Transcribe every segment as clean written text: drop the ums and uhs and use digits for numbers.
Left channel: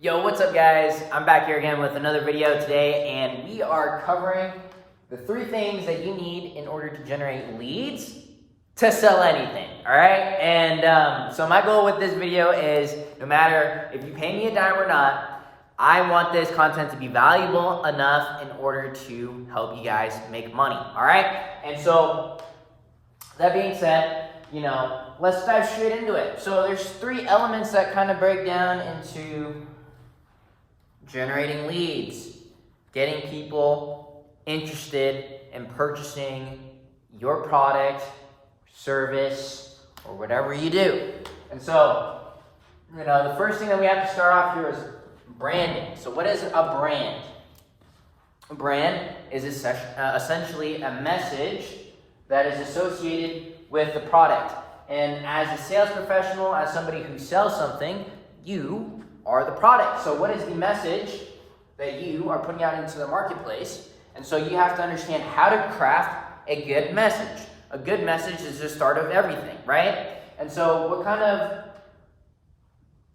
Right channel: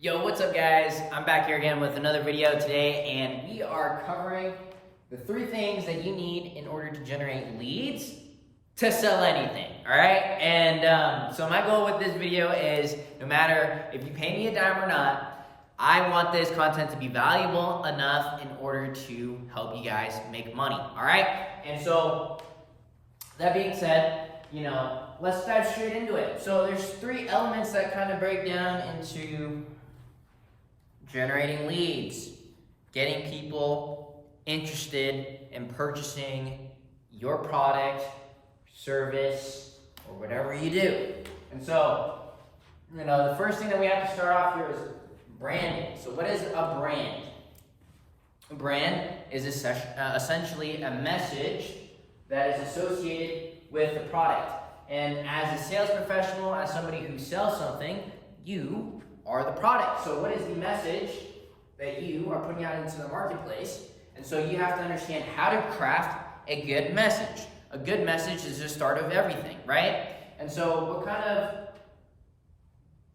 Yo, what's up guys? I'm back here again with another video today, and we are covering the 3 things that you need in order to generate leads to sell anything, all right? And so my goal with this video is, no matter if you pay me a dime or not, I want this content to be valuable enough in order to help you guys make money, all right? And so, that being said, let's dive straight into it. So there's 3 elements that kind of break down into generating leads, getting people interested in purchasing your product, service, or whatever you do. And so, the first thing that we have to start off here is branding. So what is a brand? A brand is essentially a message that is associated with the product. And as a sales professional, as somebody who sells something, you are the product. So what is the message that you are putting out into the marketplace? And so you have to understand how to craft a good message. A good message is the start of everything, right? And so what kind of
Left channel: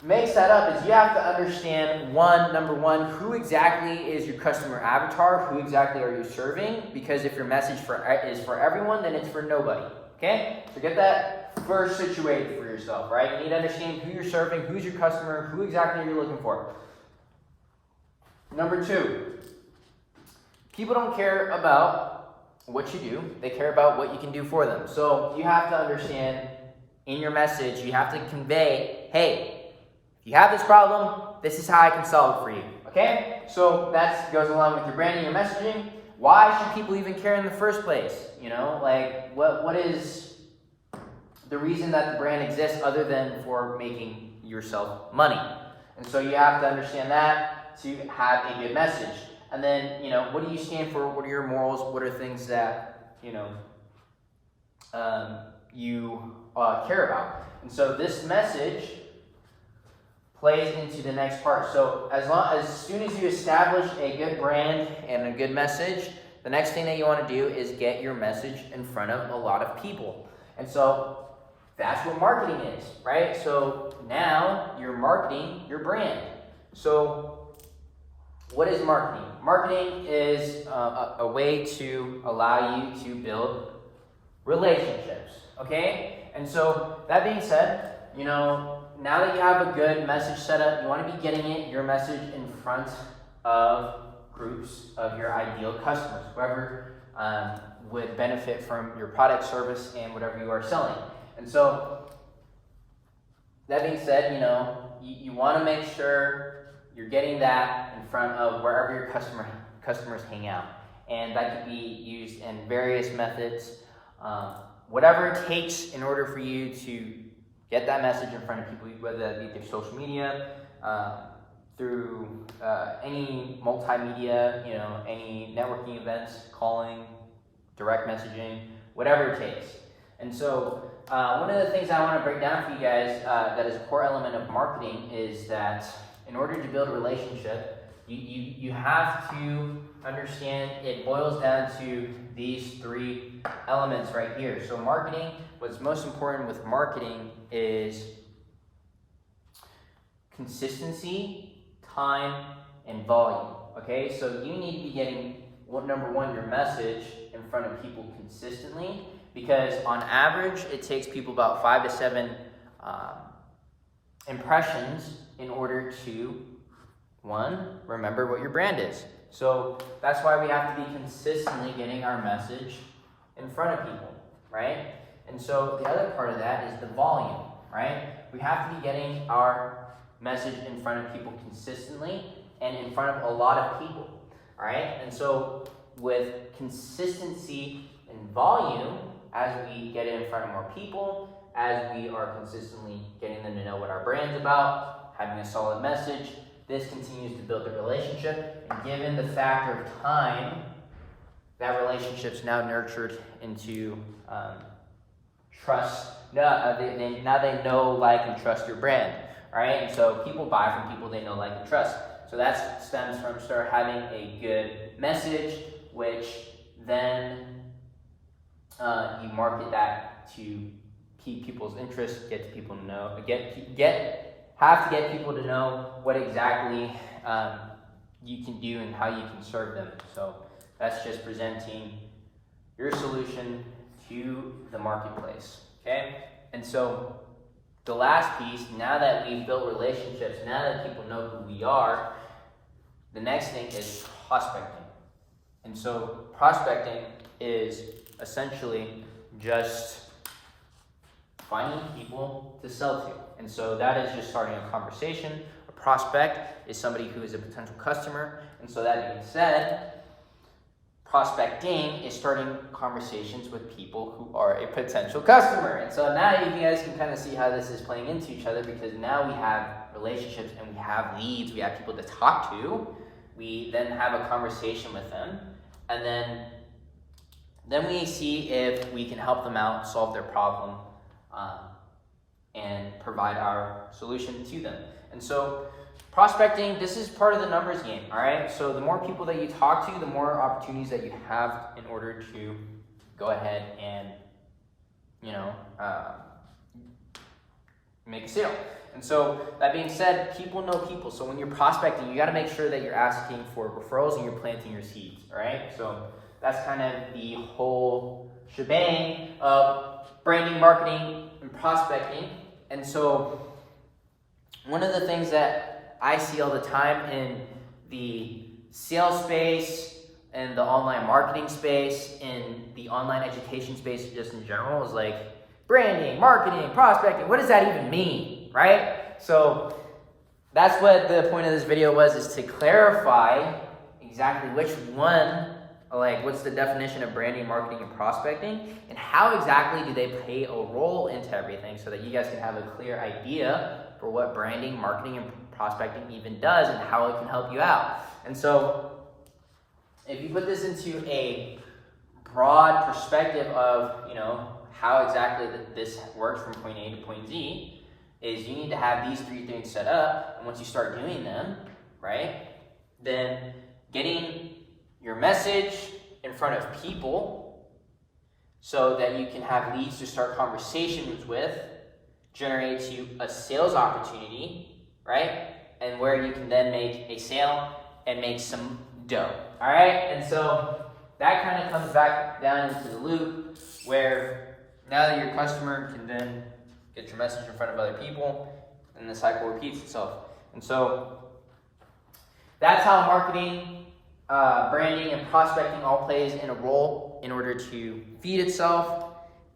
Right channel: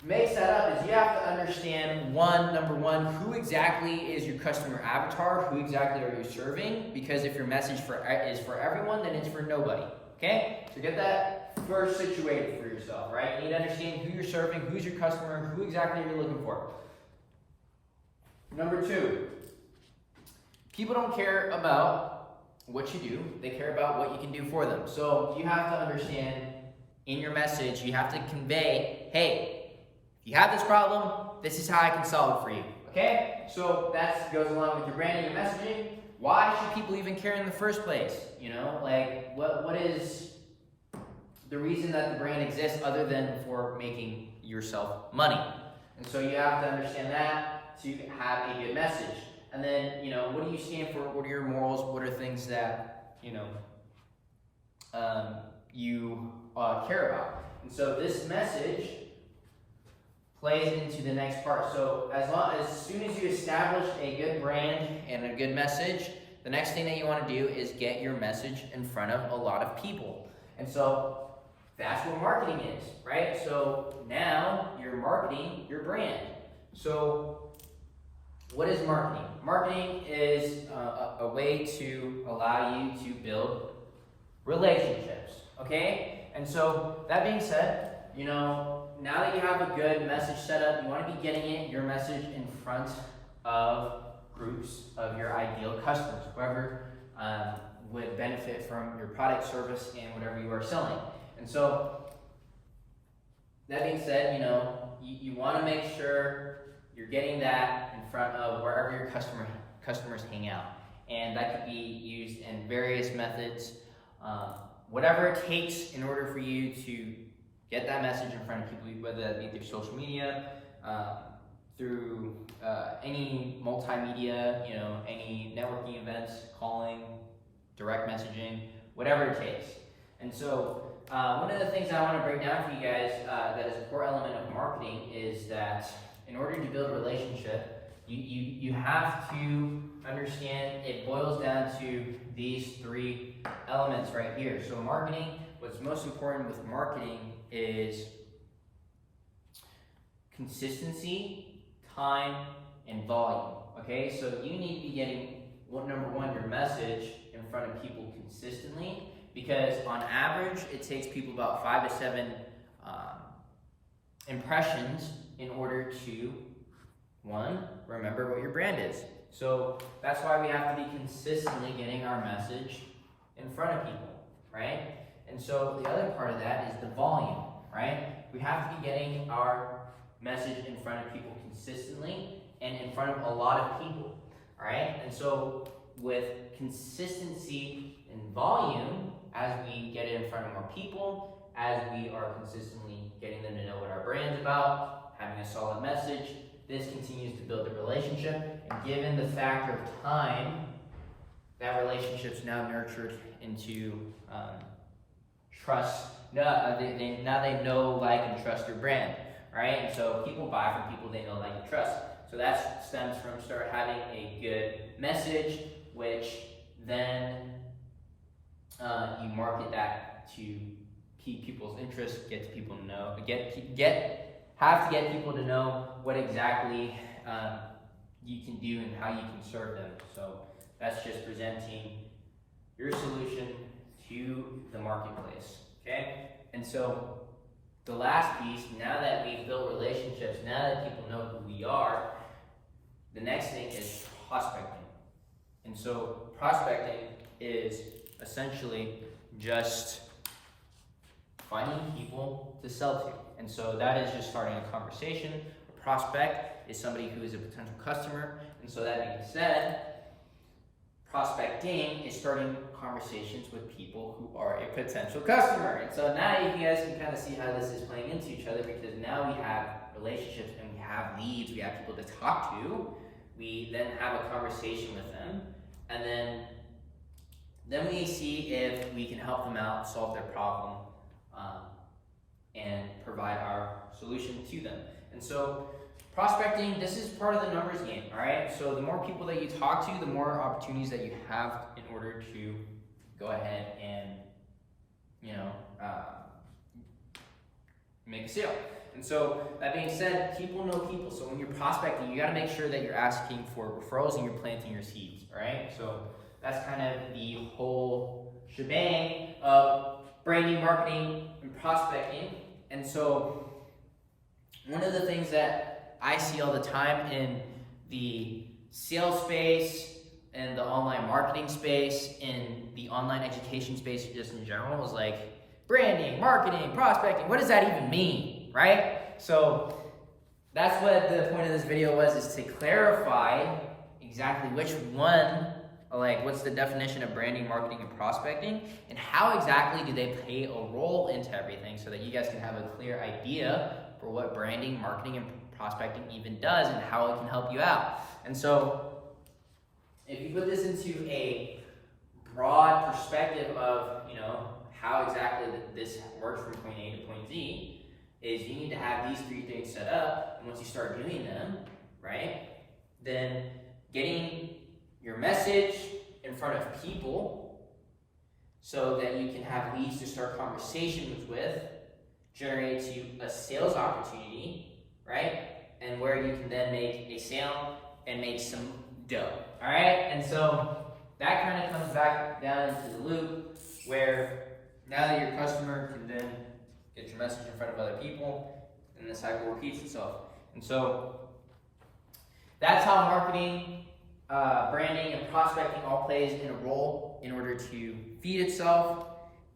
makes that up is you have to understand, number one, who exactly is your customer avatar? Who exactly are you serving? Because if your message is for everyone, then it's for nobody, okay? So get that first situated for yourself, right? You need to understand who you're serving, who's your customer, who exactly are you looking for. Number 2, people don't care about what you do, they care about what you can do for them. So you have to understand in your message, you have to convey, hey, if you have this problem, this is how I can solve it for you, okay? So that goes along with your branding, your messaging. Why should people even care in the first place? What is the reason that the brand exists other than for making yourself money? And so you have to understand that to have a good message. And then, what do you stand for? What are your morals? What are things that, you care about? And so this message plays into the next part. So as soon as you establish a good brand and a good message, the next thing that you want to do is get your message in front of a lot of people. And so that's what marketing is, right? So now you're marketing your brand. So what is marketing? Marketing is a way to allow you to build relationships, okay? And so that being said, now that you have a good message set up, you want to be getting your message in front of groups of your ideal customers, whoever would benefit from your product, service, and whatever you are selling. And so, that being said, you want to make sure you're getting that in front of wherever your customers hang out. And that could be used in various methods, whatever it takes in order for you to get that message in front of people, whether that be through social media, through any multimedia, any networking events, calling, direct messaging, whatever it takes. And so one of the things I want to break down for you guys that is a core element of marketing is that in order to build a relationship, you have to understand it boils down to these 3 elements right here. So marketing, what's most important with marketing is consistency, time, and volume, okay? So you need to be getting, number 1, your message in front of people consistently, because on average, it takes people about 5 to 7 impressions in order to, 1, remember what your brand is. So that's why we have to be consistently getting our message in front of people, right? And so the other part of that is the volume, right? We have to be getting our message in front of people consistently and in front of a lot of people, all right? And so with consistency and volume, as we get it in front of more people, as we are consistently getting them to know what our brand's about, having a solid message, this continues to build the relationship. And given the factor of time, that relationship's now nurtured into trust. Now they know, like, and trust your brand, right? And so people buy from people they know, like, and trust. So that stems from start having a good message, which then you market that to keep people's interest, get people to know, have to get people to know what exactly you can do and how you can serve them. So that's just presenting your solution to the marketplace, okay? And so the last piece, now that we've built relationships, now that people know who we are, the next thing is prospecting. And so prospecting is essentially just finding people to sell to. And so that is just starting a conversation. A prospect is somebody who is a potential customer. And so that being said, prospecting is starting conversations with people who are a potential customer. And so now you guys can kind of see how this is playing into each other, because now we have relationships and we have leads, we have people to talk to. We then have a conversation with them, and then we see if we can help them out, solve their problem, and provide our solution to them. And so prospecting, this is part of the numbers game, all right? So the more people that you talk to, the more opportunities that you have in order to go ahead and, make a sale. And so that being said, people know people. So when you're prospecting, you got to make sure that you're asking for referrals and you're planting your seeds, all right? So that's kind of the whole shebang of branding, marketing, and prospecting. And so one of the things that I see all the time in the sales space, and the online marketing space, in the online education space just in general, is like branding, marketing, prospecting. What does that even mean, right? So that's what the point of this video was, is to clarify exactly which one, like what's the definition of branding, marketing, and prospecting, and how exactly do they play a role into everything, so that you guys can have a clear idea for what branding, marketing, and prospecting even does and how it can help you out. And so if you put this into a broad perspective of, how exactly this works from point A to point Z, is you need to have these three things set up. And once you start doing them, right, then getting your message in front of people so that you can have leads to start conversations with generates you a sales opportunity, right? And where you can then make a sale and make some dough, all right? And so that kind of comes back down into the loop, where now that your customer can then get your message in front of other people, and the cycle repeats itself. And so that's how marketing, branding, and prospecting all plays in a role in order to feed itself,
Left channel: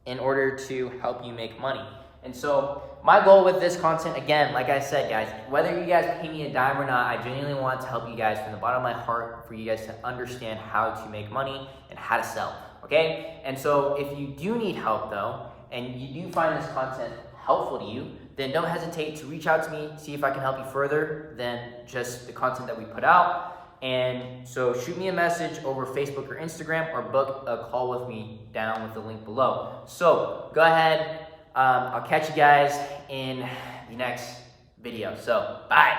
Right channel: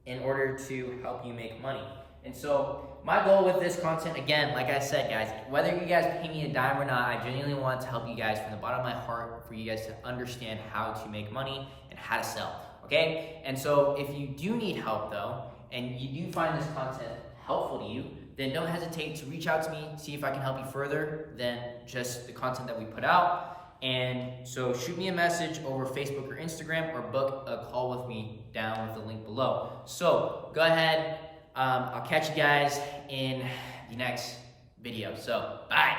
in order to help you make money. And so my goal with this content, again, like I said, guys, whether you guys pay me a dime or not, I genuinely want to help you guys from the bottom of my heart, for you guys to understand how to make money and how to sell, okay? And so if you do need help, though, and you do find this content helpful to you, then don't hesitate to reach out to me, see if I can help you further than just the content that we put out. And so shoot me a message over Facebook or Instagram, or book a call with me down with the link below. So go ahead. I'll catch you guys in the next video. So, bye.